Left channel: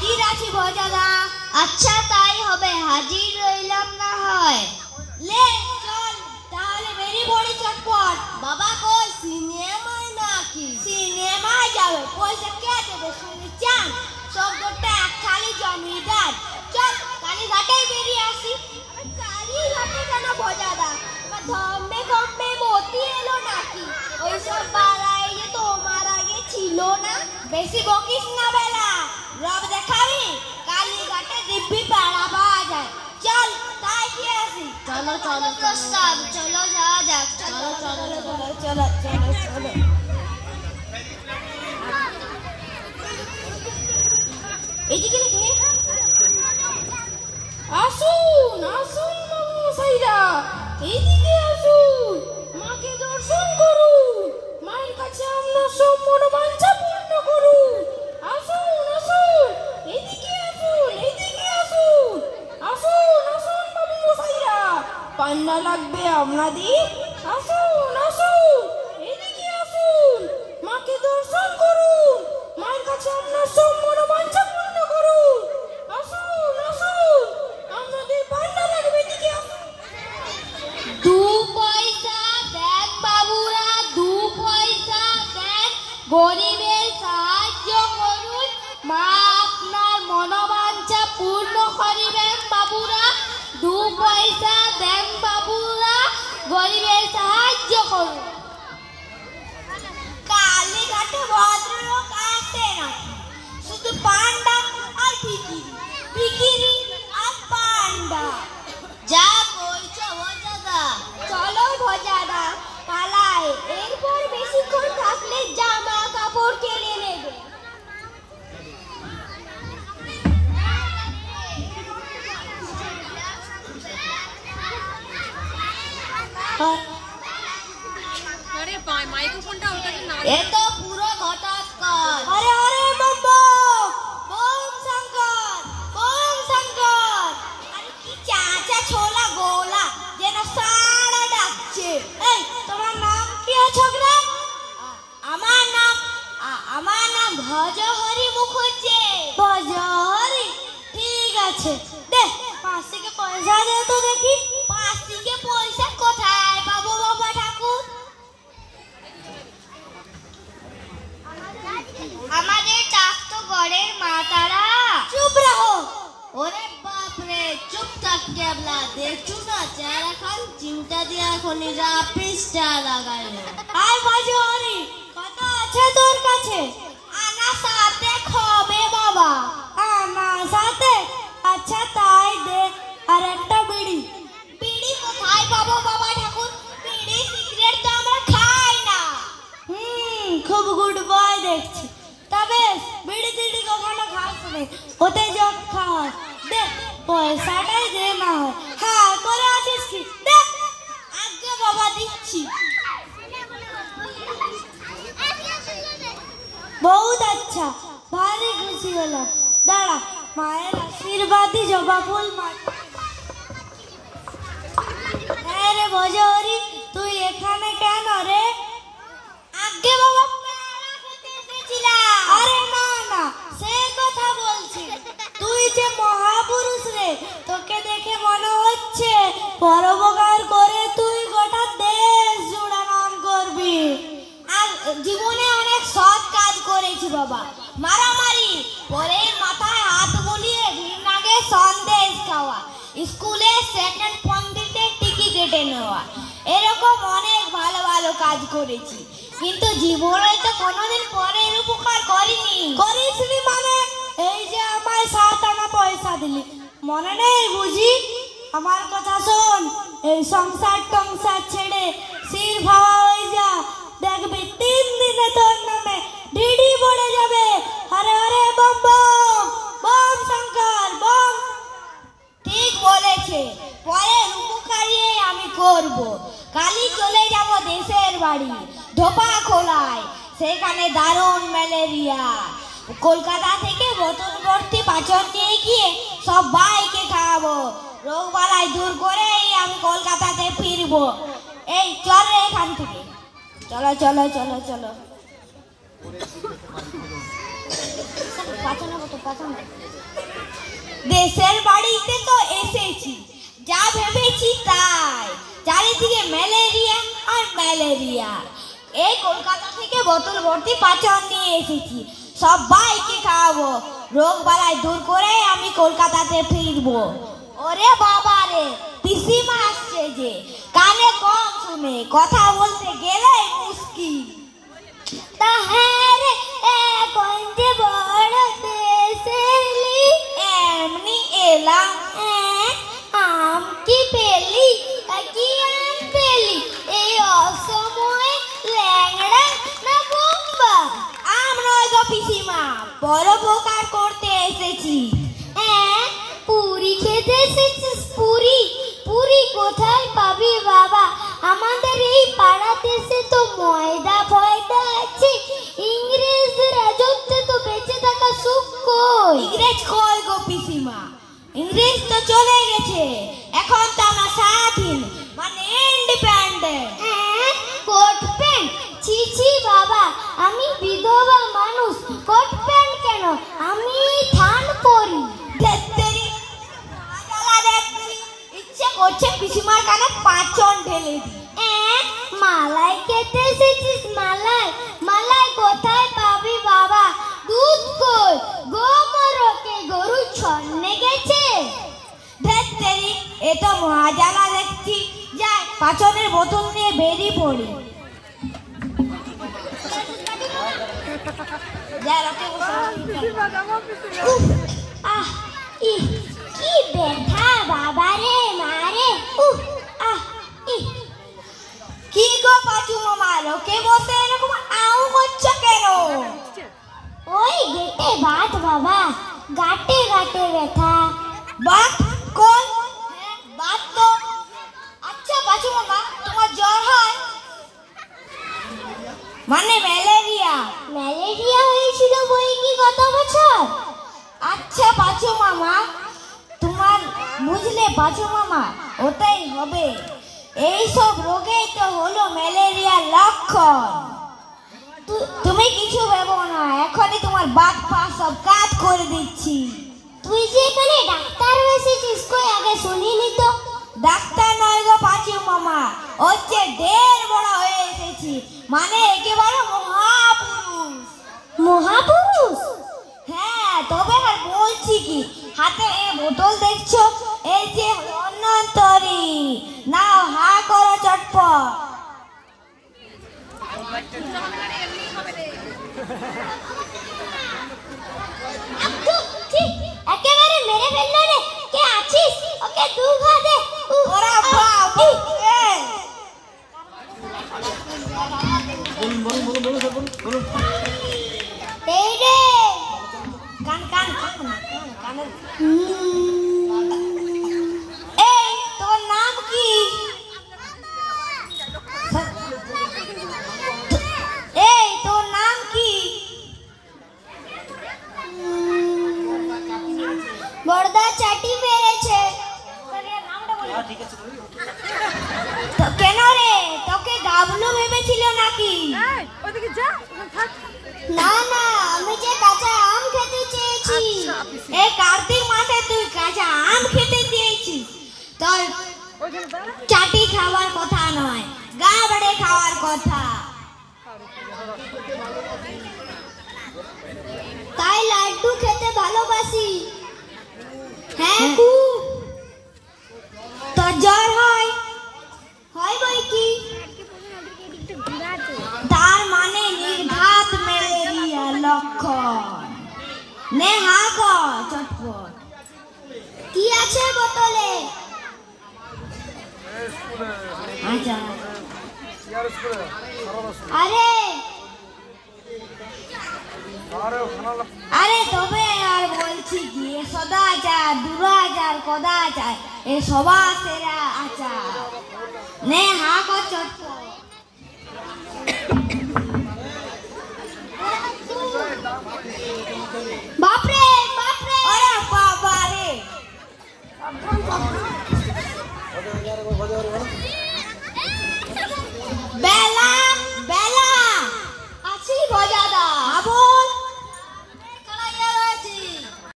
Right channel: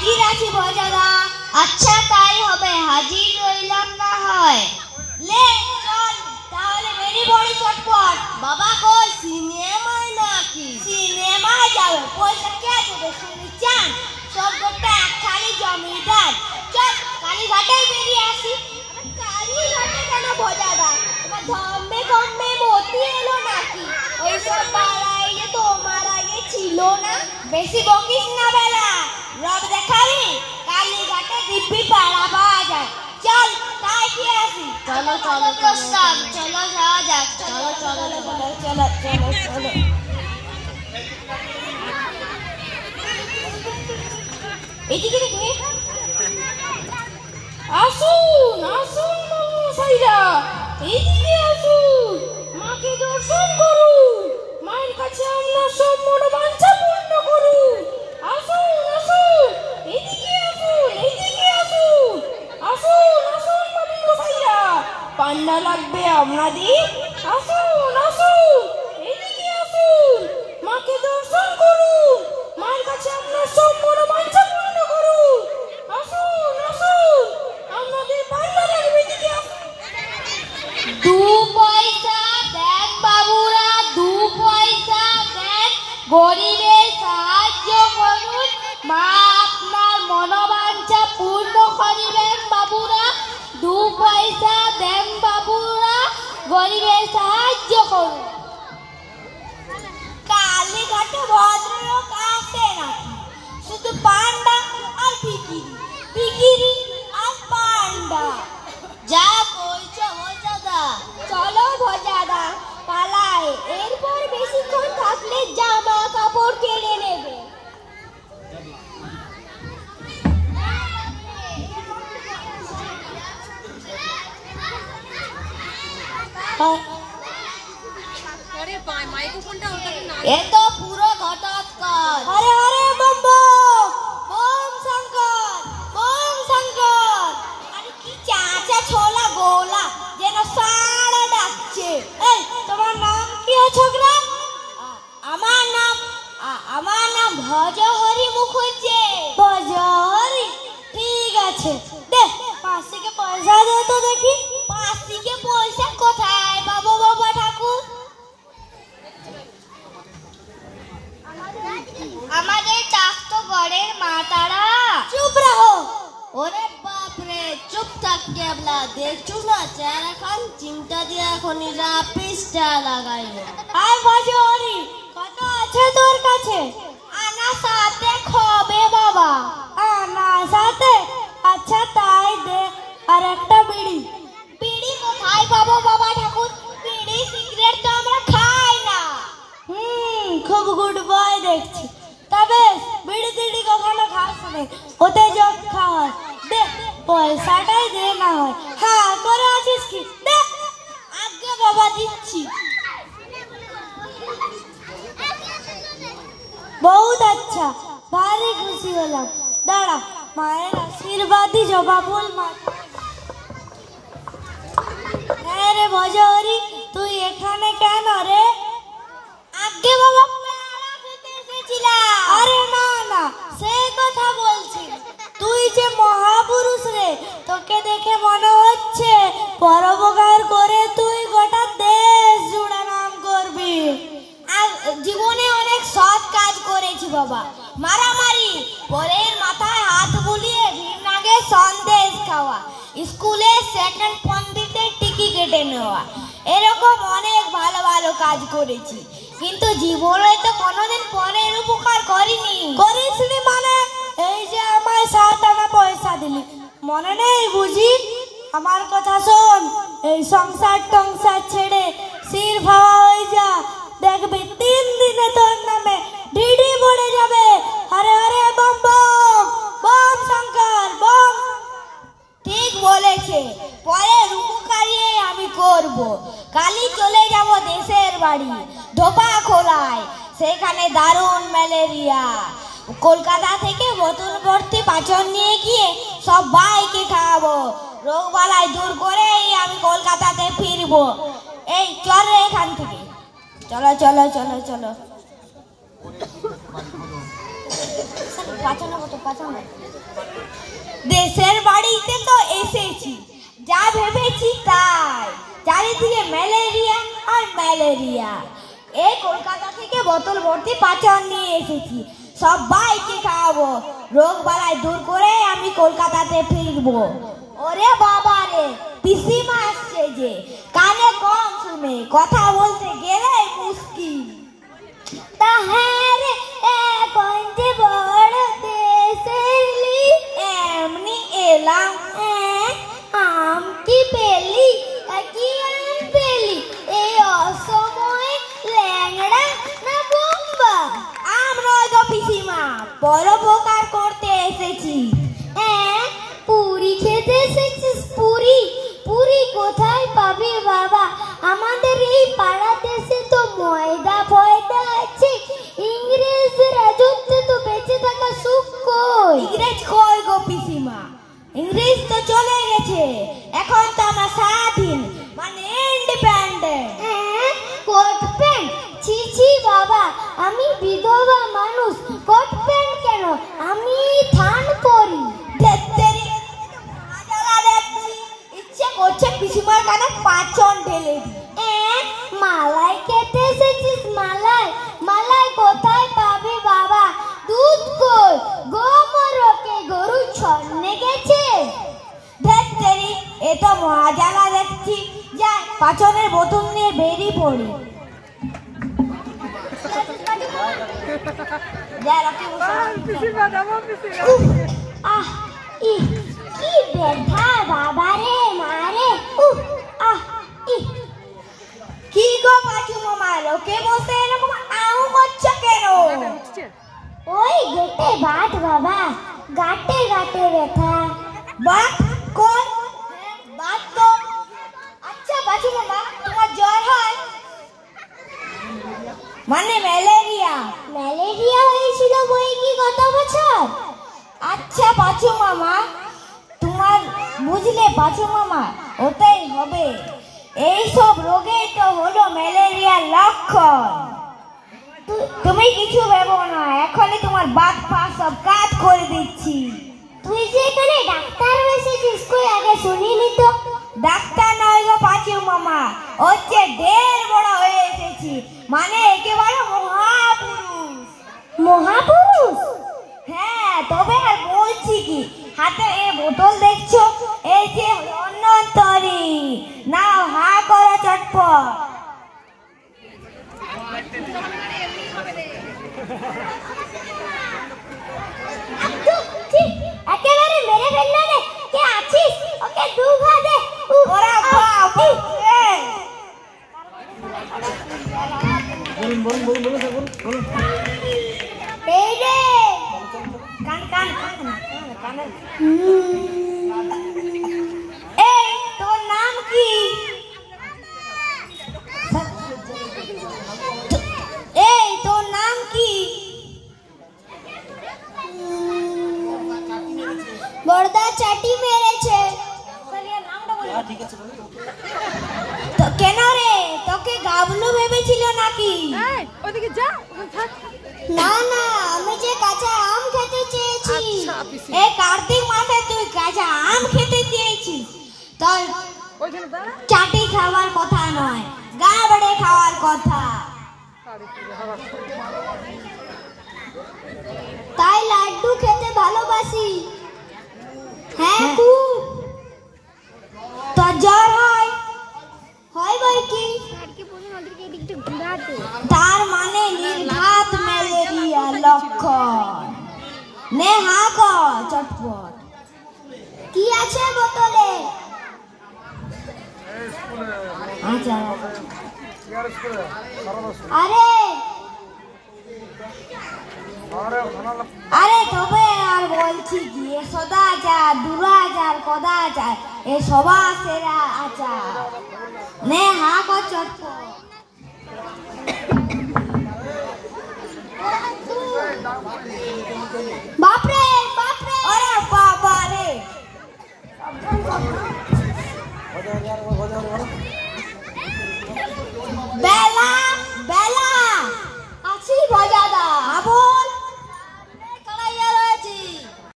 হাজির আছি ভজাদা। আচ্ছা তাই হবে, হাজির রইলাম না হয়। লে চল তাহলে বেরি বড়ি চটপট। বাবা কই সিনেমায় নাকি? সিনেমায় যাবে, পয়সা কে দেবে শুনি চান? সব গোটা এক খালি জমিদার। চল কালীঘাটেই বেরিয়ে আসি। কালীঘাটে কেন ভজাদা? তোমার ধম্মে কম্মে মতি এলো নাকি? ওইসব পাড়ায় যে তোমার আগে ছিল না। বেশি বকিস না বেলা, রব দেখাবি? কালীঘাটে দিব্যি পাড়া পাওয়া যায়। চল তাই কি আসি। চলো চলো প্রস্তাব, চলো যাওয়া যাক। চলো চলো চলো চলো চলো চলো। এদিকে দেখে আসুন আসুন মশাইরা, এইদিকে আসুন, মাকে দর্শন করুন, মায়ের কাছে আমরা সব মনোবাঞ্ছা পূর্ণ করুন। আসুন আসুন, এইদিকে আসুন, এইদিকে আসুন, আসুন আসুন মামি মশাইরা, পান্না লাগবে আপনাদের। আসুন আসুন, এইদিকে আসুন, মাকে দর্শন করুন, মায়ের কাছে আপনার সব মনোবাঞ্ছা পূর্ণ করুন। আসুন আসুন, আপনাদের পান্না লাগবে, এদিকে আসুন। 2 পয়সা দেন বাবুরা, 2 পয়সা দেন, গরিবের সাহায্য করুন, মা আপনার মনোবাঞ্ছা পূর্ণ করিবেন বাবুরা। 2 পয়সা দেন বাবুরা, গরিবের সাহায্য করুন। কালীঘাটে ভদ্রলোক আসে নাকি? শুধু পান্ডা আর ভিখিরি, ভিখিরি আর পান্ডা। যা কইছো ভজাদা। চলো ভজাদা পালাই, এরপর বেশিক্ষণ থাকলে জামা কাপড় কিনে নেবে। এ তো পুরো ঘটাৎকার। আরে আরে বম বম শঙ্কর, বম শঙ্কর। আরে কি চাচা ছোলা গোলা যেন সারা ডাকছে। এই তোমার নাম কি ছোকরা? আমার নাম ভজহরি মুখুজ্জে। ভজহরি, ঠিক আছে। দে 5 থেকে পয়সা দে তো দেখি। 5 থেকে পয়সা কোথায় পাবো বাবা ঠাকুর? আমাদের চাষ তো ঘরের মাতারা। চুপ রাখো। ওরে বাপ রে, চুপ থাক কেবলা। দেখছো না চেহারা খান চিন্তা দিয়ে এখনই যা পিসটা লাগাইলো। আয় ভজহরি, কথা আছে তোর কাছে? আনা সাথে খবে বাবা। আনা সাথে? আচ্ছা তাই দে, আর একটা বিড়ি। বিড়ি কোথায় পাবো বাবা ঠাকুর? বিড়ি সিগারেট তো আমরা খাই না। খুব গুড বয় দেখছি। তবে বিড়ি টিড়ি কখনো খাস নি, ওতে যোগ খাওয়া। দে পয়সাটাই দে না হয়। হ্যাঁ করে আছিস কি? দে। আগে বাবা দিচ্ছি। बहुत अच्छा, भारी खुशी হলাম। দাঁড়া, মায়ের আশীর্বাদই জবা ফুল মাটি। হ্যাঁ রে ভজহরি, তুই এখানে কেন রে? আগে বাবা পেয়ারা খেতে এসেছিলাম। আরে না না, সে কথা বলছি। তুই যে মহাপুরুষ রে, তোকে দেখে মনে হচ্ছে পরোপকার করে তুই গোটা দেশ জুড়ে নাম করবি। জীবনে অনেক সৎ কাজ করেছি বাবা। মারামারি, পরের মাথায় হাত বুলিয়ে ঘৃণাকে সন্দেশ খাওয়া, স্কুলে সেকেন্ড পণ্ডিতের টিকি কেটে নেওয়া, এরকম অনেক ভালো ভালো কাজ করেছি। কিন্তু জীবনে তো কোনোদিন পরের উপকার করিনি। করিসনি মানে? এই যে আমার 7 আনা পয়সা দিলি, মনে নেই বুঝি? আমার কথা শোন, এই সংসার টংসার ছেড়ে সির ভাবা হয়ে যা। দেখবি 3 দিনে তোর নামে ডিডি পড়ে যাবে। আরে আরে বম বম, বম শঙ্কর বম। ঠিক বলেছে, পরের উপকারই আমি করব। কালই চলে যাব দেশের বাড়ি ধোপা খোলায়, সেখানে দারুণ ম্যালেরিয়া। কলকাতা থেকে বোতল ভর্তি পাচন নিয়ে গিয়ে সবাইকে খাওয়াবো। রোগ বালাই দূর করেই আমি কলকাতাতে ফিরবো। এই চল রে এখান থেকে। চলো চলো চলো চলো। পাচন দেশের বাড়িতে তো এসেছি, যা ভেবেছি তাই। চারিদিকে ম্যালেরিয়া আর ম্যালেরিয়া। এই কলকাতা থেকে বোতল ভর্তি পাচন নিয়ে এসেছি, সবাইকে খাওয়াবো। রোগ বালাই দূর করে আমি কলকাতাতে ফিরবো। ওরে বাবা রে, পিসিমা আসছে যে, কানে কম শুনে, কথা বলতে গেলে মুশকিল। তা হ্যাঁ রে, এখন যে বড় দেশ এলি, এমনি এলাম। আম কি পেলি, কি আম পেলি এই অসময়ে? ল্যাংড়া না বোম্বা? আম নয় গো পিসিমা, পরোপকার করতে এসেছি। পুরি খেতে এসেছিস? পুরি? পুরি কোথায় পাবি বাবা? আমাদের এই পাড়া দেশে তো ময়দা ফয়দা আছে, ইংরেজ রাজত্বে তো বেঁচে থাকা সুখ কই? ইংরেজ কই গো পিসিমা, ইংরেজ তো চলে গেছে। এখন তো আমরা স্বাধীন, মানে ইন্ডিপেন্ডেন্ট। Coat pant? ছি ছি বাবা, আমি বিধবা মানুষ, কোট প্যান্ট কেন? আমি থান পরি। ইচ্ছে করছে পিসিমার কানে পাচন ঢেলে দি। মালাই খেতে এসেছিস? মালাই? মালাই কোথায় পাবি বাবা? দুধ কই? গোমরকে গরু ছন্নে গেছে। ধেত্তেরি, এ তো মহাজালা দেখছি। যা, পাচনের বোতল নিয়ে বেরিয়ে পড়ি। কি ব্যথা বাবা রে, মারে। কি গো পাচু মামা, লোকে বসে এরকম আউ করছো কেন? ওই গেটে বাত বাবা, গাটে গাটে ব্যথা। বাত কোন? বাত তো। আচ্ছা পাচু মামা, তোমার জ্বর হয়? মানে ম্যালেরিয়া? ম্যালেরিয়া হয়েছিল বই কি গত বছর? আচ্ছা পাচু মামা, তোমার বুঝলে পাচু মামা, ওটাই হবে। এইসব রোগেই তো হলো ম্যালেরিয়ার লক্ষণ। তুমি কিছু ভেবো না, এখনই তোমার বাত পা সব কাজ করে দিচ্ছি। তুই যে এখানে ডাক্তার এসেছিস, কই আগে শুনিনি তো। ডাক্তার নয় গো পাচু মামা, হচ্ছে ঢের বড় হয়ে এসেছি, মানে একেবারে মহাপুরুষ। মহাপুরুষ? হ্যাঁ, তবে আর বলছি কি, হাতে এই বোতল দেখছো, এই যে অন্যন্তরী, নাও হা করো চটপট। একেবারে মেরে ফেললো রে। কে আছিস? ওকে দু ঘা দে। ওরা বাপ, এই রে কান কান কানের। এই তোর নাম কি? এই তোর নাম কি? বড়দা চাটি মেরেছে। কেন রে, তোকে গাবলু ভেবেছিল নাকি? না না, আমি যে কাঁচা আম খেতে চেয়েছি। এই কার্তিক মাসে তুই কাঁচা আম খেতে চেয়েছিস, তোর চাটি খাওয়ার কথা নয়, গাবড়ে খাওয়ার কথা। তাই লাড্ডু খেতে ভালোবাসি। হ্যাঁ খুব। তোর জ্বর হয়? হয় বই কি? তার মানে নির্ঘাত ম্যালেরিয়া লক্ষণ। নে হা কর চটপট। কি আছে বোতলে? আচ্ছা, আরে আরে তবে আর বলছি কি, এ সদাচার দুরাচার কদাচার এ সবার সেরা আচার। নে হা কর চটপট।